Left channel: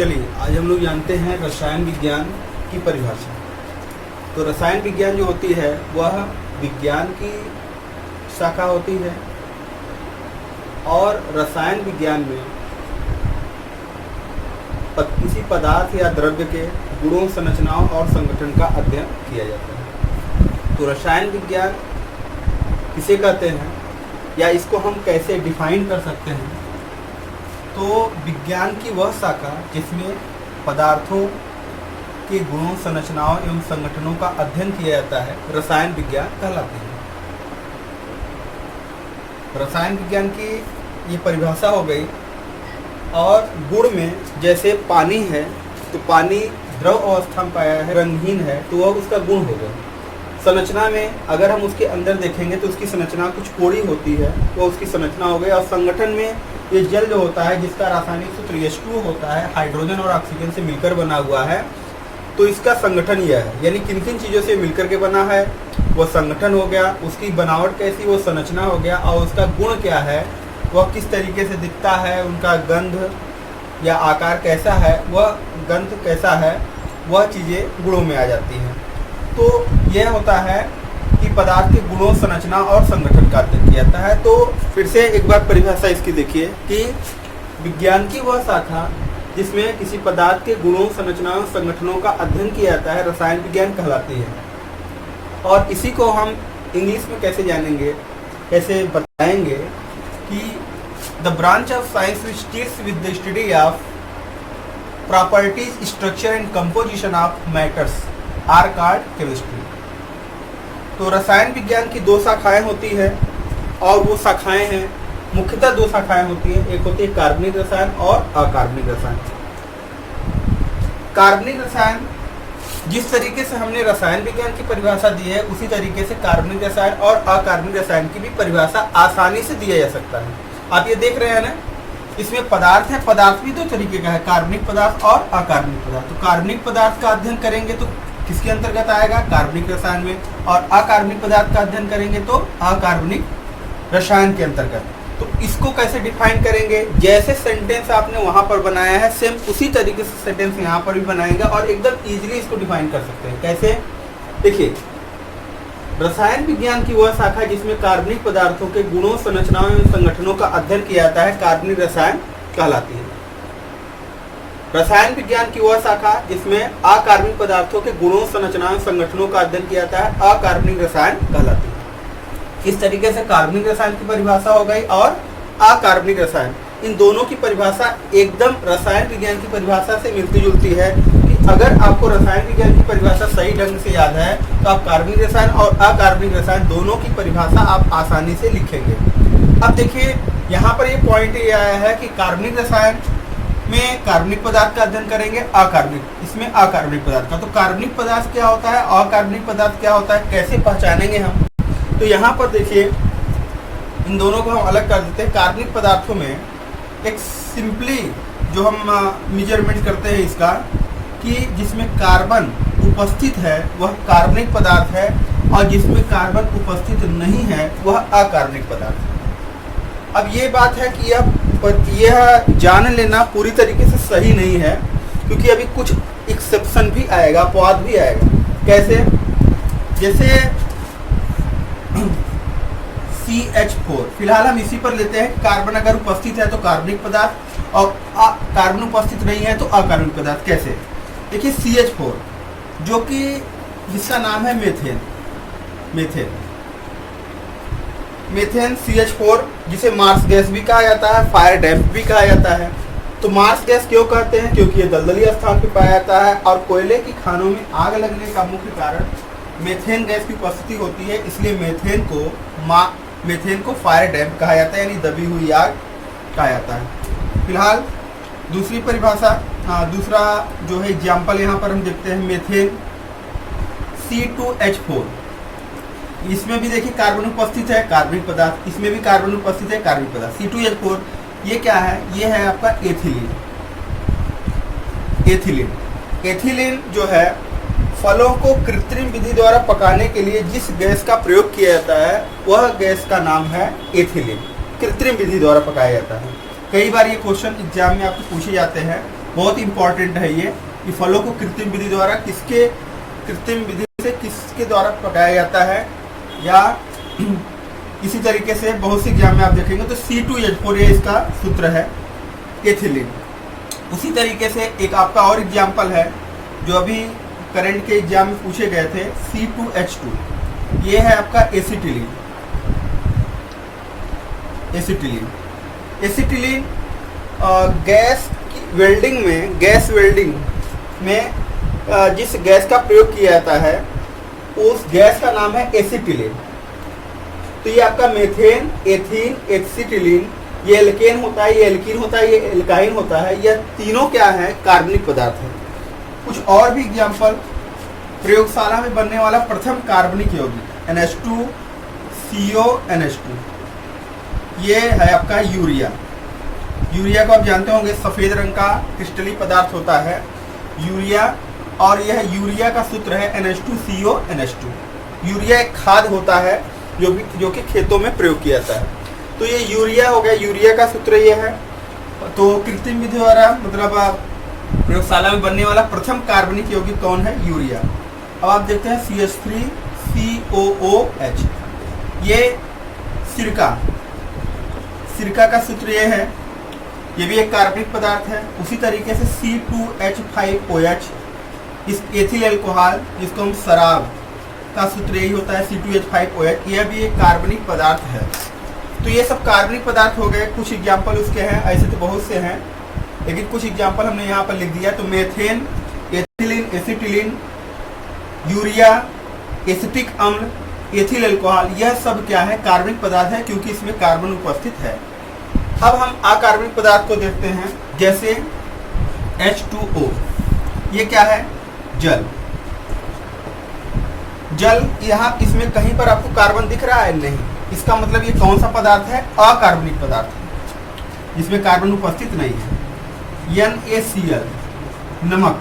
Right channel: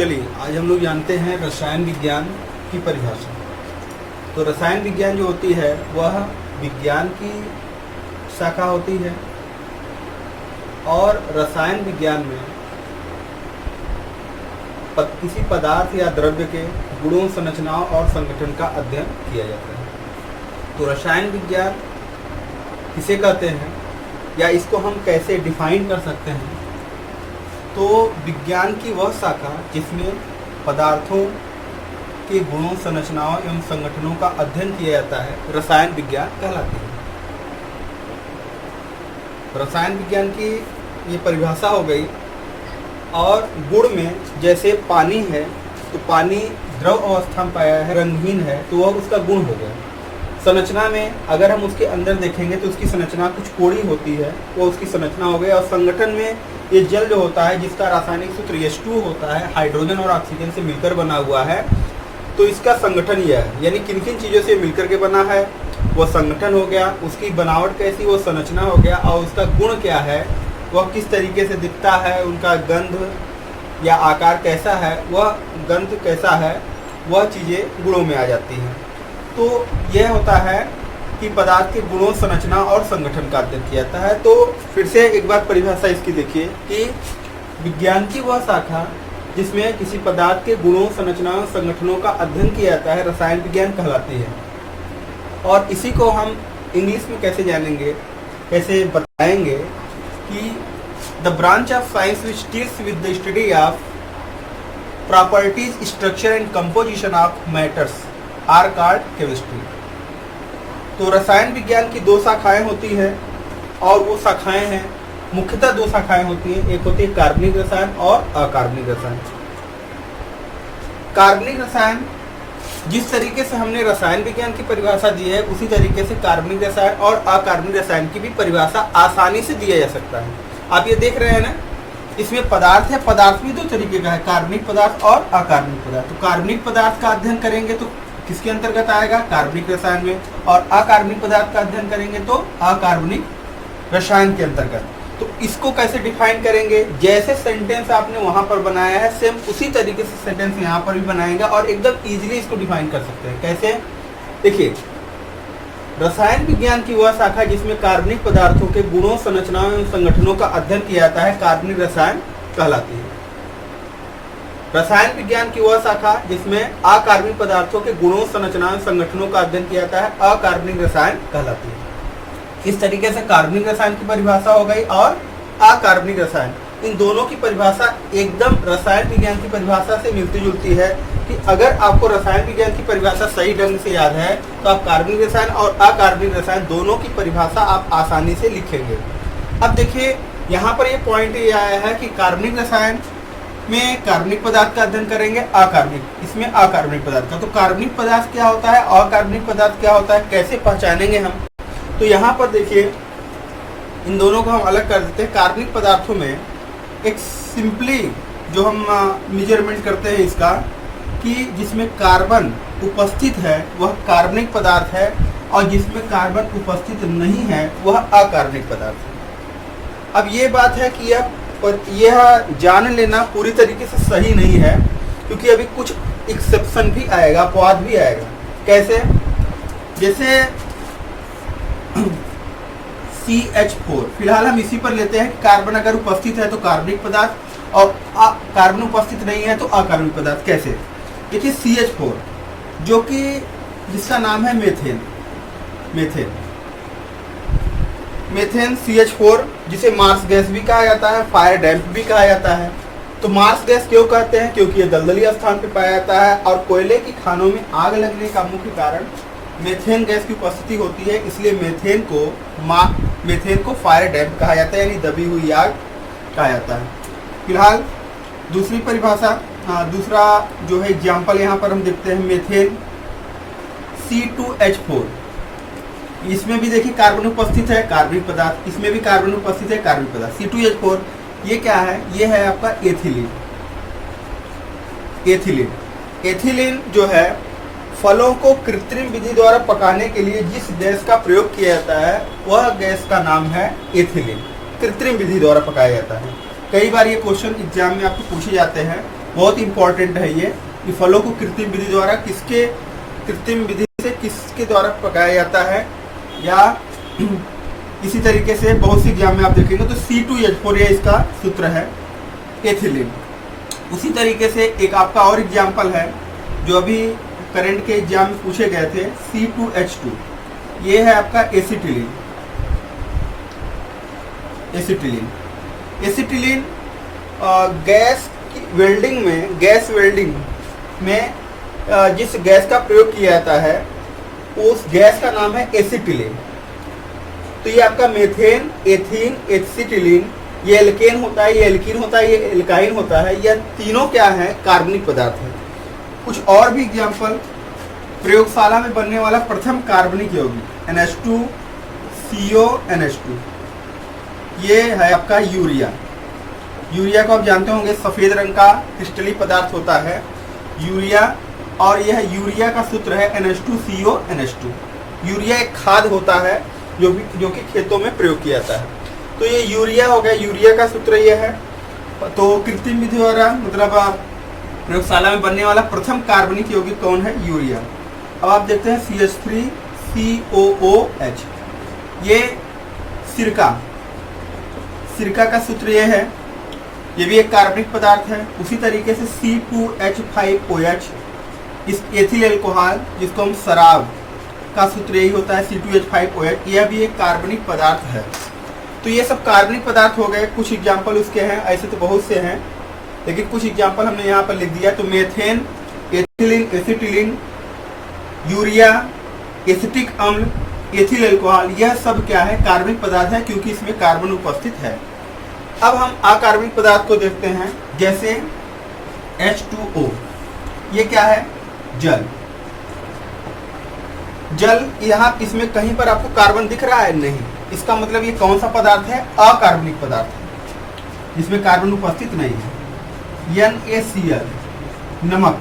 चलिए आज हम लोग जानते हैं रसायन विज्ञान की परिभाषा। तो रसायन विज्ञान जो होती है वह विज्ञान की शाखा होती है और रसायन विज्ञान में किसी पदार्थ या द्रव्य के गुणों, संरचनाओं और संगठन का अध्ययन किया जाता है। तो रसायन विज्ञान किसे कहते हैं या इसको हम कैसे डिफाइन कर सकते हैं? तो विज्ञान की वह शाखा जिसमें पदार्थों के गुणों, संरचनाओं एवं संगठनों का अध्ययन किया जाता है रसायन विज्ञान कहलाती है। रसायन विज्ञान की ये परिभाषा हो गई। और गुण में जैसे पानी है तो पानी द्रव अवस्था में पाया है, रंगहीन है, तो वह उसका गुण हो गया। संरचना में अगर हम उसके अंदर देखेंगे तो उसकी संरचना कुछ कोरी होती है, वो उसकी संरचना हो गई। और संगठन में ये जल जो होता है जिसका रासायनिक सूत्र H2O होता है, हाइड्रोजन और ऑक्सीजन से मिलकर बना हुआ है, तो इसका संगठन यह है। यानी किन किन चीज़ों से मिलकर के बना है वो संगठन हो गया, उसकी बनावट कैसी वो संरचना हो गया, और उसका गुण क्या है, वह किस तरीके से दिखता है, उनका गंध या आकार कैसा है, वह गंध कैसा है, वह चीज़ें गुणों में आ जाती हैं। तो यह होता है कि पदार्थ के गुणों, संरचना और संगठन का अध्ययन किया जाता है। तो फिर से एक बार परिभाषा इसकी देखिए कि विज्ञान की वह शाखा जिसमें किसी पदार्थ के गुणों, संरचनाओं, संगठनों का अध्ययन किया जाता है रसायन विज्ञान कहलाती है। और इसी को हम इंग्लिश में कैसे जानेंगे, कैसे बताएंगे कि the branch of science which deals with the study of properties, structure and composition of matters are called chemistry. तो रसायन विज्ञान की दो शाखाएं होती हैं और वो शाखाएं हैं, मुख्यतः दो शाखाएं होती हैं। एक होती है कार्बनिक रसायन और अकार्बनिक रसायन। कार्बनिक रसायन जिस तरीके से हमने रसायन विज्ञान की परिभाषा दी है उसी तरीके से कार्बनिक रसायन और अकार्बनिक रसायन की भी परिभाषा आसानी से दिया जा सकता है। आप ये देख रहे हैं ना, इसमें पदार्थ है, पदार्थ भी दो तरीके का है, कार्बनिक पदार्थ और अकार्बनिक पदार्थ। तो कार्बनिक पदार्थ का अध्ययन करेंगे तो किसके अंतर्गत आएगा, कार्बनिक रसायन में, और अकार्बनिक पदार्थ का अध्ययन करेंगे तो अकार्बनिक रसायन के अंतर्गत। तो इसको कैसे डिफाइन करेंगे? जैसे सेंटेंस आपने वहां पर बनाया है सेम उसी तरीके से सेंटेंस यहाँ पर भी बनाएंगे और एकदम इजीली इसको डिफाइन कर सकते हैं। कैसे? देखिए, रसायन विज्ञान की वह शाखा जिसमें कार्बनिक पदार्थों के गुणों, संरचनाओं एवं संगठनों का अध्ययन किया जाता है कार्बनिक रसायन कहलाती है। रसायन विज्ञान की वह शाखा जिसमें अकार्बनिक पदार्थों के गुणों, संरचनाओं, संगठनों का अध्ययन किया जाता है अकार्बनिक रसायन कहलाती है। इस तरीके से कार्बनिक रसायन की परिभाषा हो गई और अकार्बनिक रसायन, इन दोनों की परिभाषा एकदम रसायन विज्ञान की परिभाषा से मिलती जुलती है। कि अगर आपको रसायन विज्ञान की परिभाषा सही ढंग से याद है तो आप कार्बनिक रसायन और अकार्बनिक रसायन दोनों की परिभाषा आप आसानी से लिखेंगे। अब देखिए, यहाँ पर ये पॉइंट ये आया है कि कार्बनिक रसायन में कार्बनिक पदार्थ का अध्ययन करेंगे, अकार्बनिक इसमें अकार्बनिक पदार्थ का। तो कार्बनिक पदार्थ क्या होता है, अकार्बनिक पदार्थ क्या होता है, कैसे पहचानेंगे हम? तो यहाँ पर देखिए, इन दोनों को हम अलग कर देते हैं। कार्बनिक पदार्थों में एक सिंपली जो हम मेजरमेंट करते हैं इसका कि जिसमें कार्बन उपस्थित है वह कार्बनिक पदार्थ है और जिसमें कार्बन उपस्थित नहीं है वह अकार्बनिक पदार्थ है। अब ये बात है कि यह जान लेना पूरी तरीके से सही नहीं है क्योंकि अभी कुछ एक्सेप्शन भी आएगा, अपवाद भी आएगा। कैसे? जैसे CH4, फिलहाल हम इसी पर लेते हैं। कार्बन अगर उपस्थित है तो कार्बनिक पदार्थ और कार्बन उपस्थित नहीं है तो अकार्बनिक पदार्थ। कैसे? देखिए, CH4 जो कि जिसका नाम है मीथेन CH4 जिसे मार्स गैस भी कहा जाता है, फायर डैम्प भी कहा जाता है। तो मार्स गैस क्यों कहते हैं? क्योंकि ये दलदली स्थान पर पाया जाता है और कोयले की खानों में आग लगने का मुख्य कारण मीथेन गैस की उपस्थिति होती है, इसलिए मीथेन को फायर डैम्प कहा जाता है, यानी दबी हुई आग कहा जाता है। फिलहाल दूसरी परिभाषा, दूसरा जो है एग्जाम्पल यहाँ पर हम देखते हैं मीथेन C2H4। इसमें भी देखिए कार्बन उपस्थित है, कार्बनिक पदार्थ, इसमें भी कार्बन उपस्थित है, कार्बनिक पदार्थ। C2H4 ये क्या है? ये है आपका एथिलीन जो है फलों को कृत्रिम विधि द्वारा पकाने के लिए जिस गैस का प्रयोग किया जाता है वह गैस का नाम है एथिलीन। कृत्रिम विधि द्वारा पकाया जाता है। कई बार ये क्वेश्चन एग्जाम में आपको पूछे जाते हैं बहुत इंपॉर्टेंट है ये कि फलों को कृत्रिम विधि द्वारा कृत्रिम विधि से किसके द्वारा पकाया जाता है, या इसी तरीके से बहुत सी एग्जाम में आप देखेंगे तो C2H4 ये इसका सूत्र है, एथिलीन। उसी तरीके से एक आपका और एग्जाम्पल है जो अभी करंट के एग्जाम में पूछे गए थे, C2H2, ये है आपका एसिटिलीन। एसिटिलीन गैस वेल्डिंग में जिस गैस का प्रयोग किया जाता है उस गैस का नाम है एसिटिलीन। तो ये आपका मेथेन, एथीन, एसिटिलीन, ये एल्केन होता है, ये एल्कीन होता है, ये एल्काइन होता है। यह तीनों क्या है? कार्बनिक पदार्थ है। कुछ और भी एग्जाम्पल, प्रयोगशाला में बनने वाला प्रथम कार्बनिक यौगिक N2CONH2, ये है आपका यूरिया। यूरिया को आप जानते होंगे, सफेद रंग का क्रिस्टलीय पदार्थ होता है यूरिया, और यह यूरिया का सूत्र है N2CONH2। यूरिया एक खाद होता है जो कि खेतों में प्रयोग किया जाता है। तो ये यूरिया हो गया, यूरिया का सूत्र ये है। तो कृत्रिम विधि द्वारा मतलब प्रयोगशाला में बनने वाला प्रथम कार्बनिक यौगिक कौन है? यूरिया। अब आप देखते हैं CH3COOH, ये सिरका का सूत्र ये है, ये भी एक कार्बनिक पदार्थ है। उसी तरीके से C2H5OH, इस एथिल अल्कोहल जिसको हम शराब का सूत्र यही होता है, C2H5OH, यह भी एक कार्बनिक पदार्थ है। तो ये सब कार्बनिक पदार्थ हो गए। कुछ एग्जाम्पल उसके हैं, ऐसे तो बहुत से हैं, लेकिन कुछ एग्जाम्पल हमने यहाँ पर लिख दिया। तो methane, ethylene, acetylene, urea, acetic अम्ल, एथिल अल्कोहल, यह सब क्या है? कार्बनिक पदार्थ है, क्योंकि इसमें कार्बन उपस्थित है। अब हम अकार्बनिक पदार्थ को देखते हैं, जैसे H2O, ये क्या है? जल। यहाँ इसमें कहीं पर आपको कार्बन दिख रहा है? नहीं। इसका मतलब ये कौन सा पदार्थ है? अकार्बनिक पदार्थ है, जिसमें कार्बन उपस्थित नहीं है। NaCl, नमक,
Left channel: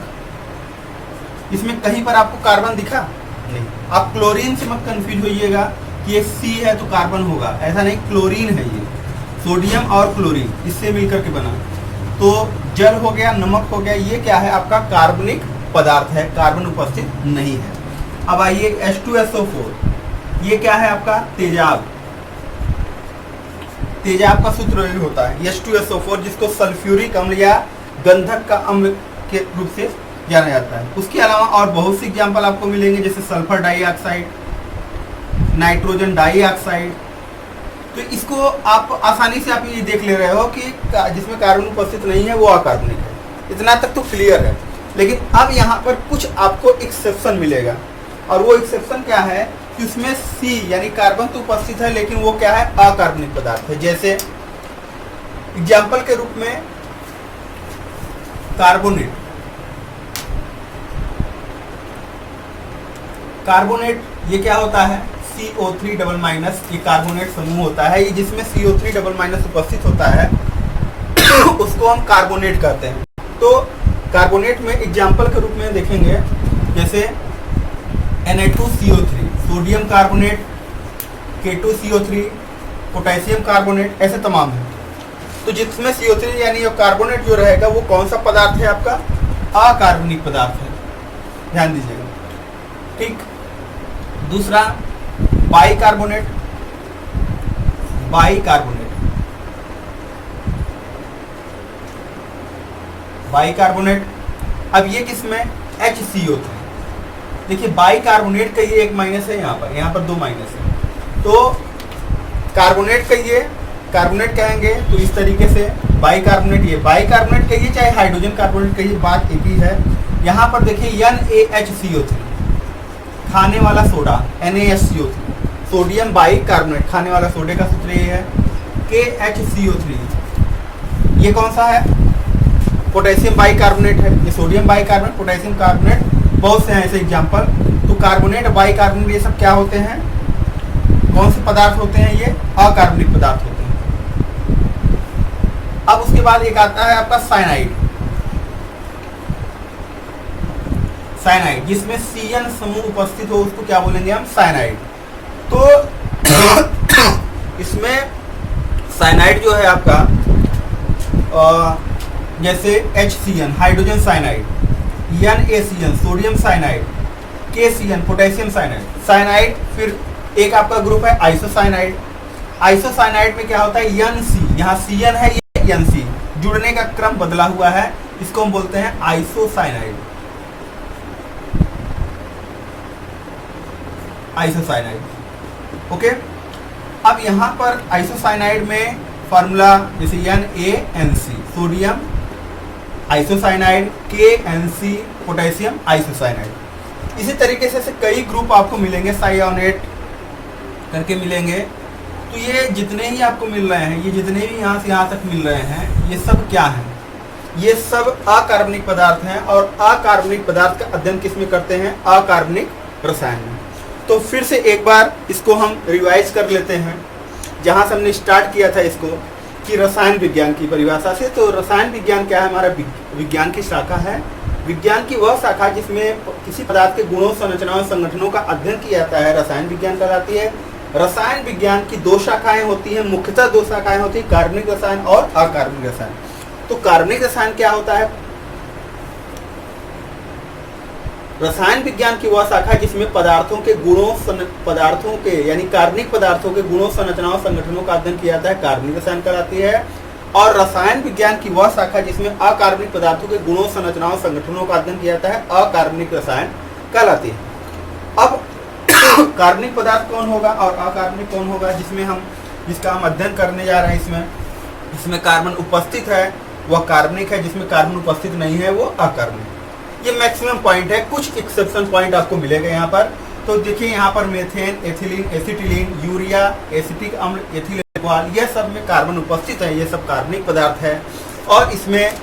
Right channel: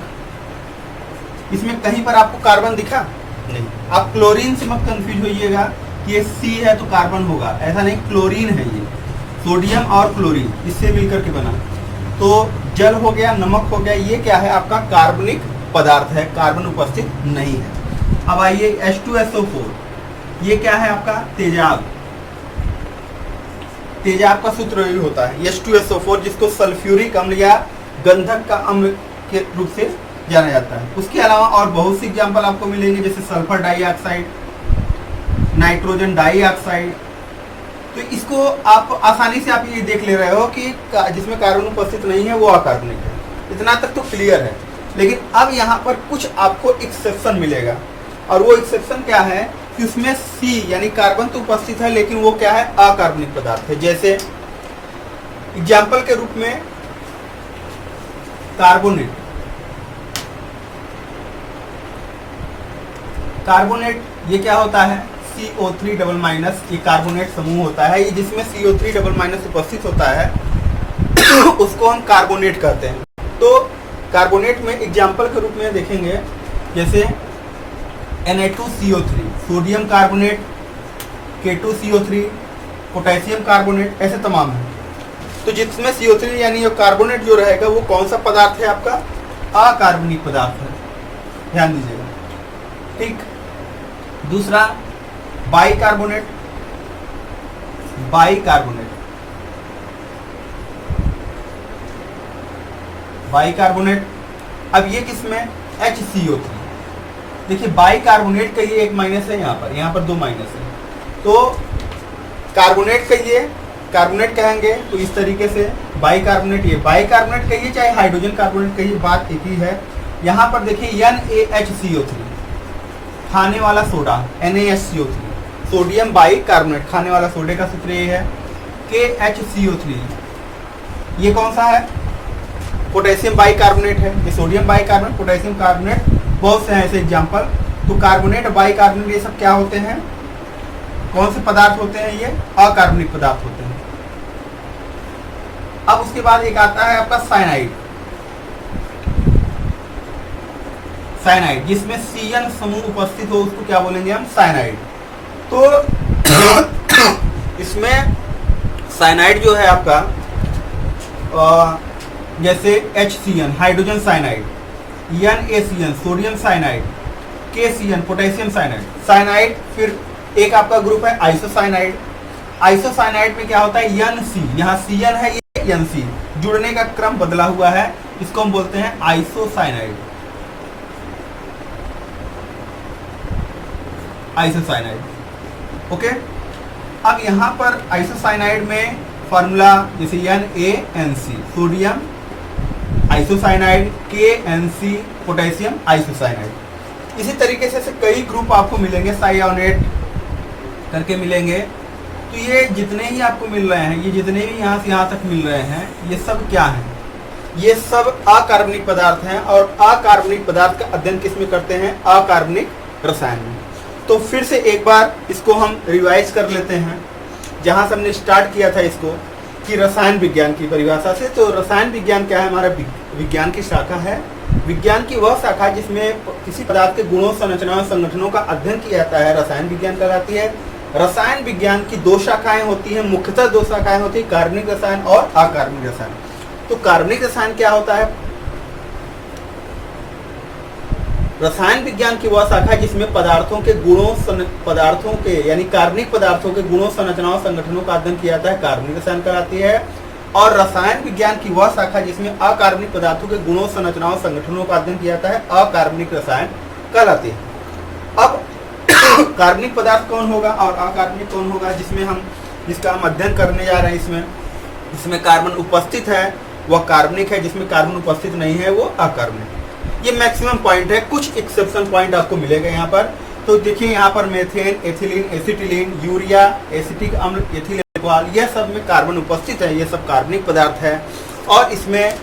इसमें कहीं पर आपको कार्बन दिखा? नहीं। आप क्लोरीन से मत कंफ्यूज होइएगा कि ये C है तो कार्बन होगा, ऐसा नहीं। क्लोरीन है ये, सोडियम और क्लोरीन इससे मिलकर के बना। तो जल हो गया, नमक हो गया, ये क्या है? आपका कार्बनिक पदार्थ है, कार्बन उपस्थित नहीं है। अब आइए H2SO4, ये क्या है? आपका तेजाब। तेजाब का सूत्र होता है H2SO4, जिसको सल्फ्यूरिक अम्ल या गंधक का अम्ल के रूप से जाना जाता है। उसके अलावा और बहुत सी एग्जाम्पल आपको मिलेंगे, जैसे सल्फर डाइऑक्साइड, नाइट्रोजन डाइऑक्साइड। तो इसको आप आसानी से आप ये देख ले रहे हो कि जिसमें कार्बन उपस्थित नहीं है वो अकार्बनिक है। इतना तक तो क्लियर है। लेकिन अब यहाँ पर कुछ आपको एक्सेप्शन मिलेगा, और वो एक्सेप्शन क्या है कि उसमें C यानी कार्बन तो उपस्थित है, लेकिन वो क्या है? अकार्बनिक पदार्थ है। जैसे एग्जाम्पल के रूप में कार्बोनेट, ये क्या होता है? CO3 ये कार्बोनेट समूह होता है, ये जिसमें CO3 उपस्थित होता है उसको हम कार्बोनेट कहते हैं। तो कार्बोनेट में एग्जाम्पल के रूप में देखेंगे, जैसे Na2CO3, sodium carbonate, K2CO3, potassium carbonate, ऐसे तमाम है। तो जिसमें CO3 यानी ये कार्बोनेट जो रहेगा वो कौन सा पदार्थ है? आपका अकार्बनिक पदार्थ है, ध्यान दीजिएगा। ठीक। दूसरा बाइकार्बोनेट। अब ये किसमें? HCO3। देखिए बाइकार्बोनेट का ये एक माइनस है, यहाँ पर दो माइनस है। तो कार्बोनेट कहिए, कार्बोनेट कहेंगे तो इस तरीके से बाइकार्बोनेट, ये बाइकार्बोनेट कहिए चाहे हाइड्रोजन कार्बोनेट कहिए, बात एक ही है। यहाँ पर देखिए NaHCO3, खाने वाला सोडा, NaSCO3, सोडियम बाइकार्बोनेट, खाने वाला सोडे का सूत्र ये है। KHCO3, ये कौन सा है? पोटेशियम बाइकार्बोनेट है। ये सोडियम बाइकार्बोनेट, पोटेशियम कार्बोनेट, बहुत से हैं ऐसे एग्जाम्पल। तो कार्बोनेट, बाइकार्बोनेट, ये सब क्या होते हैं? कौन से पदार्थ होते हैं? ये अकार्बनिक पदार्थ होते हैं। अब उसके बाद एक आता है आपका साइनाइड, जिसमें CN समूह उपस्थित हो उसको क्या बोलेंगे हम? साइनाइड। तो इसमें साइनाइड जो है आपका जैसे HCN hydrogen cyanide, NaCN sodium cyanide, KCN potassium cyanide, cyanide. फिर एक आपका ग्रुप है आइसोसाइनाइड। आइसोसाइनाइड में क्या होता है, NC, यहाँ CN है, ये NC, जुड़ने का क्रम बदला हुआ है, इसको हम बोलते हैं आइसोसाइनाइड। Isocyanide okay. अब यहाँ पर आइसोसाइनाइड में फॉर्मूला जैसे NaNC sodium isocyanide, KNC potassium isocyanide. इसी तरीके से कई ग्रुप आपको मिलेंगे, साइओनेट करके मिलेंगे। तो ये जितने ही आपको मिल रहे हैं, ये जितने भी यहाँ से यहाँ तक मिल रहे हैं, ये सब क्या है, ये सब अकार्बनिक पदार्थ हैं। और अकार्बनिक पदार्थ का अध्ययन किसमें करते हैं, अकार्बनिक रसायन में। तो फिर से एक बार इसको हम रिवाइज कर लेते हैं, जहाँ से हमने स्टार्ट किया था इसको, कि रसायन विज्ञान की परिभाषा से। तो रसायन विज्ञान क्या है, हमारा विज्ञान की शाखा है। विज्ञान की वह शाखा जिसमें किसी पदार्थ के गुणों, संरचनाओं, संगठनों का अध्ययन किया जाता है, रसायन विज्ञान कहलाती है। रसायन विज्ञान की दो शाखाएं होती हैं, मुख्यतः दो शाखाएं होती हैं, कार्बनिक रसायन और अकार्बनिक रसायन। तो कार्बनिक रसायन क्या होता है, रसायन विज्ञान की वह शाखा जिसमें पदार्थों के गुणों, पदार्थों के यानी कार्बनिक पदार्थों के गुणों, संरचनाओं, संगठनों का अध्ययन किया जाता है, कार्बनिक रसायन कहलाती है। और रसायन विज्ञान की वह शाखा जिसमें अकार्बनिक पदार्थों के गुणों, संरचनाओं, संगठनों का अध्ययन किया जाता है, अकार्बनिक रसायन कहलाती है। अब कार्बनिक पदार्थ कौन होगा और अकार्बनिक कौन होगा, जिसका हम अध्ययन करने जा रहे हैं। इसमें कार्बन उपस्थित है वह कार्बनिक है, जिसमें कार्बन उपस्थित नहीं है वो अकार्बनिक। ये मैक्सिमम पॉइंट है, कुछ एक्सेप्शन पॉइंट आपको मिलेगा यहाँ पर। तो देखिए यहाँ पर methane, ethylene, acetylene, urea, acetic अम्ल, एथिल एल्कोहल, यह सब में कार्बन उपस्थित है, ये सब कार्बनिक पदार्थ है। और इसमें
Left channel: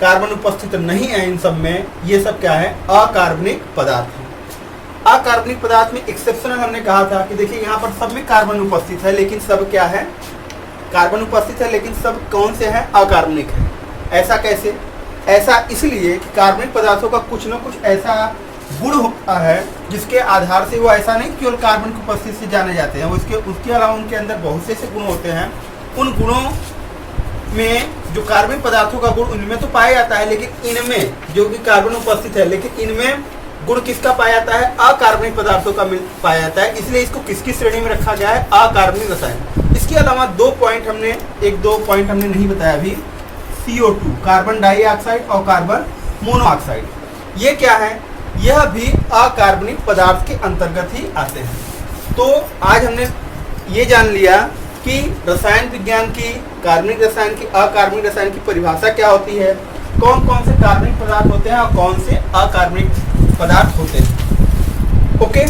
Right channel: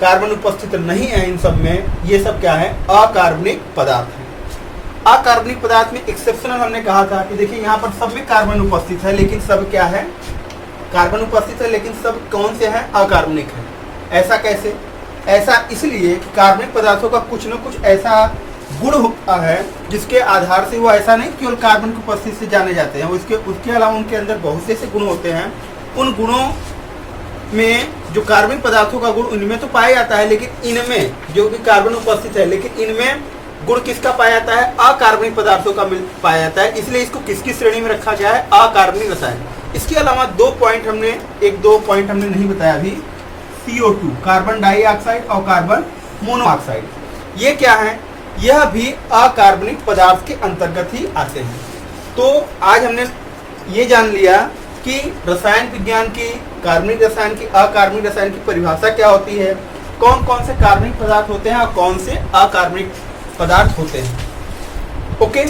कार्बन उपस्थित नहीं है इन सब में, ये सब क्या है, अकार्बनिक पदार्थ है। अकार्बनिक पदार्थ में एक्सेप्शनल हमने कहा था कि देखिए यहाँ पर सब में कार्बन उपस्थित है, लेकिन सब क्या है, कार्बन उपस्थित है, लेकिन सब कौन से हैं, अकार्बनिक है। ऐसा कैसे, ऐसा इसलिए कि कार्बनिक पदार्थों का कुछ न कुछ ऐसा गुण होता है जिसके आधार से वो ऐसा नहीं केवल कार्बन की उपस्थिति से जाने जाते हैं, उसके अलावा उनके अंदर बहुत से ऐसे गुण होते हैं। उन गुणों में जो कार्बनिक पदार्थों का गुण उनमें तो पाया जाता है, लेकिन इनमें जो भी कार्बन उपस्थित है, लेकिन इनमें गुण किसका पाया जाता है, अकार्बनिक पदार्थों का पाया जाता है। इसलिए इसको किसकी श्रेणी में रखा गया है, अकार्बनिक रसायन। इसके अलावा दो पॉइंट हमने नहीं बताया अभी, CO2 कार्बन डाइऑक्साइड और कार्बन मोनोऑक्साइड, ये क्या है, यह भी अकार्बनिक पदार्थ के अंतर्गत ही आते हैं। तो आज हमने ये जान लिया कि रसायन विज्ञान की, कार्बनिक रसायन की, अकार्बनिक रसायन की परिभाषा क्या होती है, कौन कौन से कार्बनिक पदार्थ होते हैं और कौन से अकार्बनिक पदार्थ होते हैं। ओके।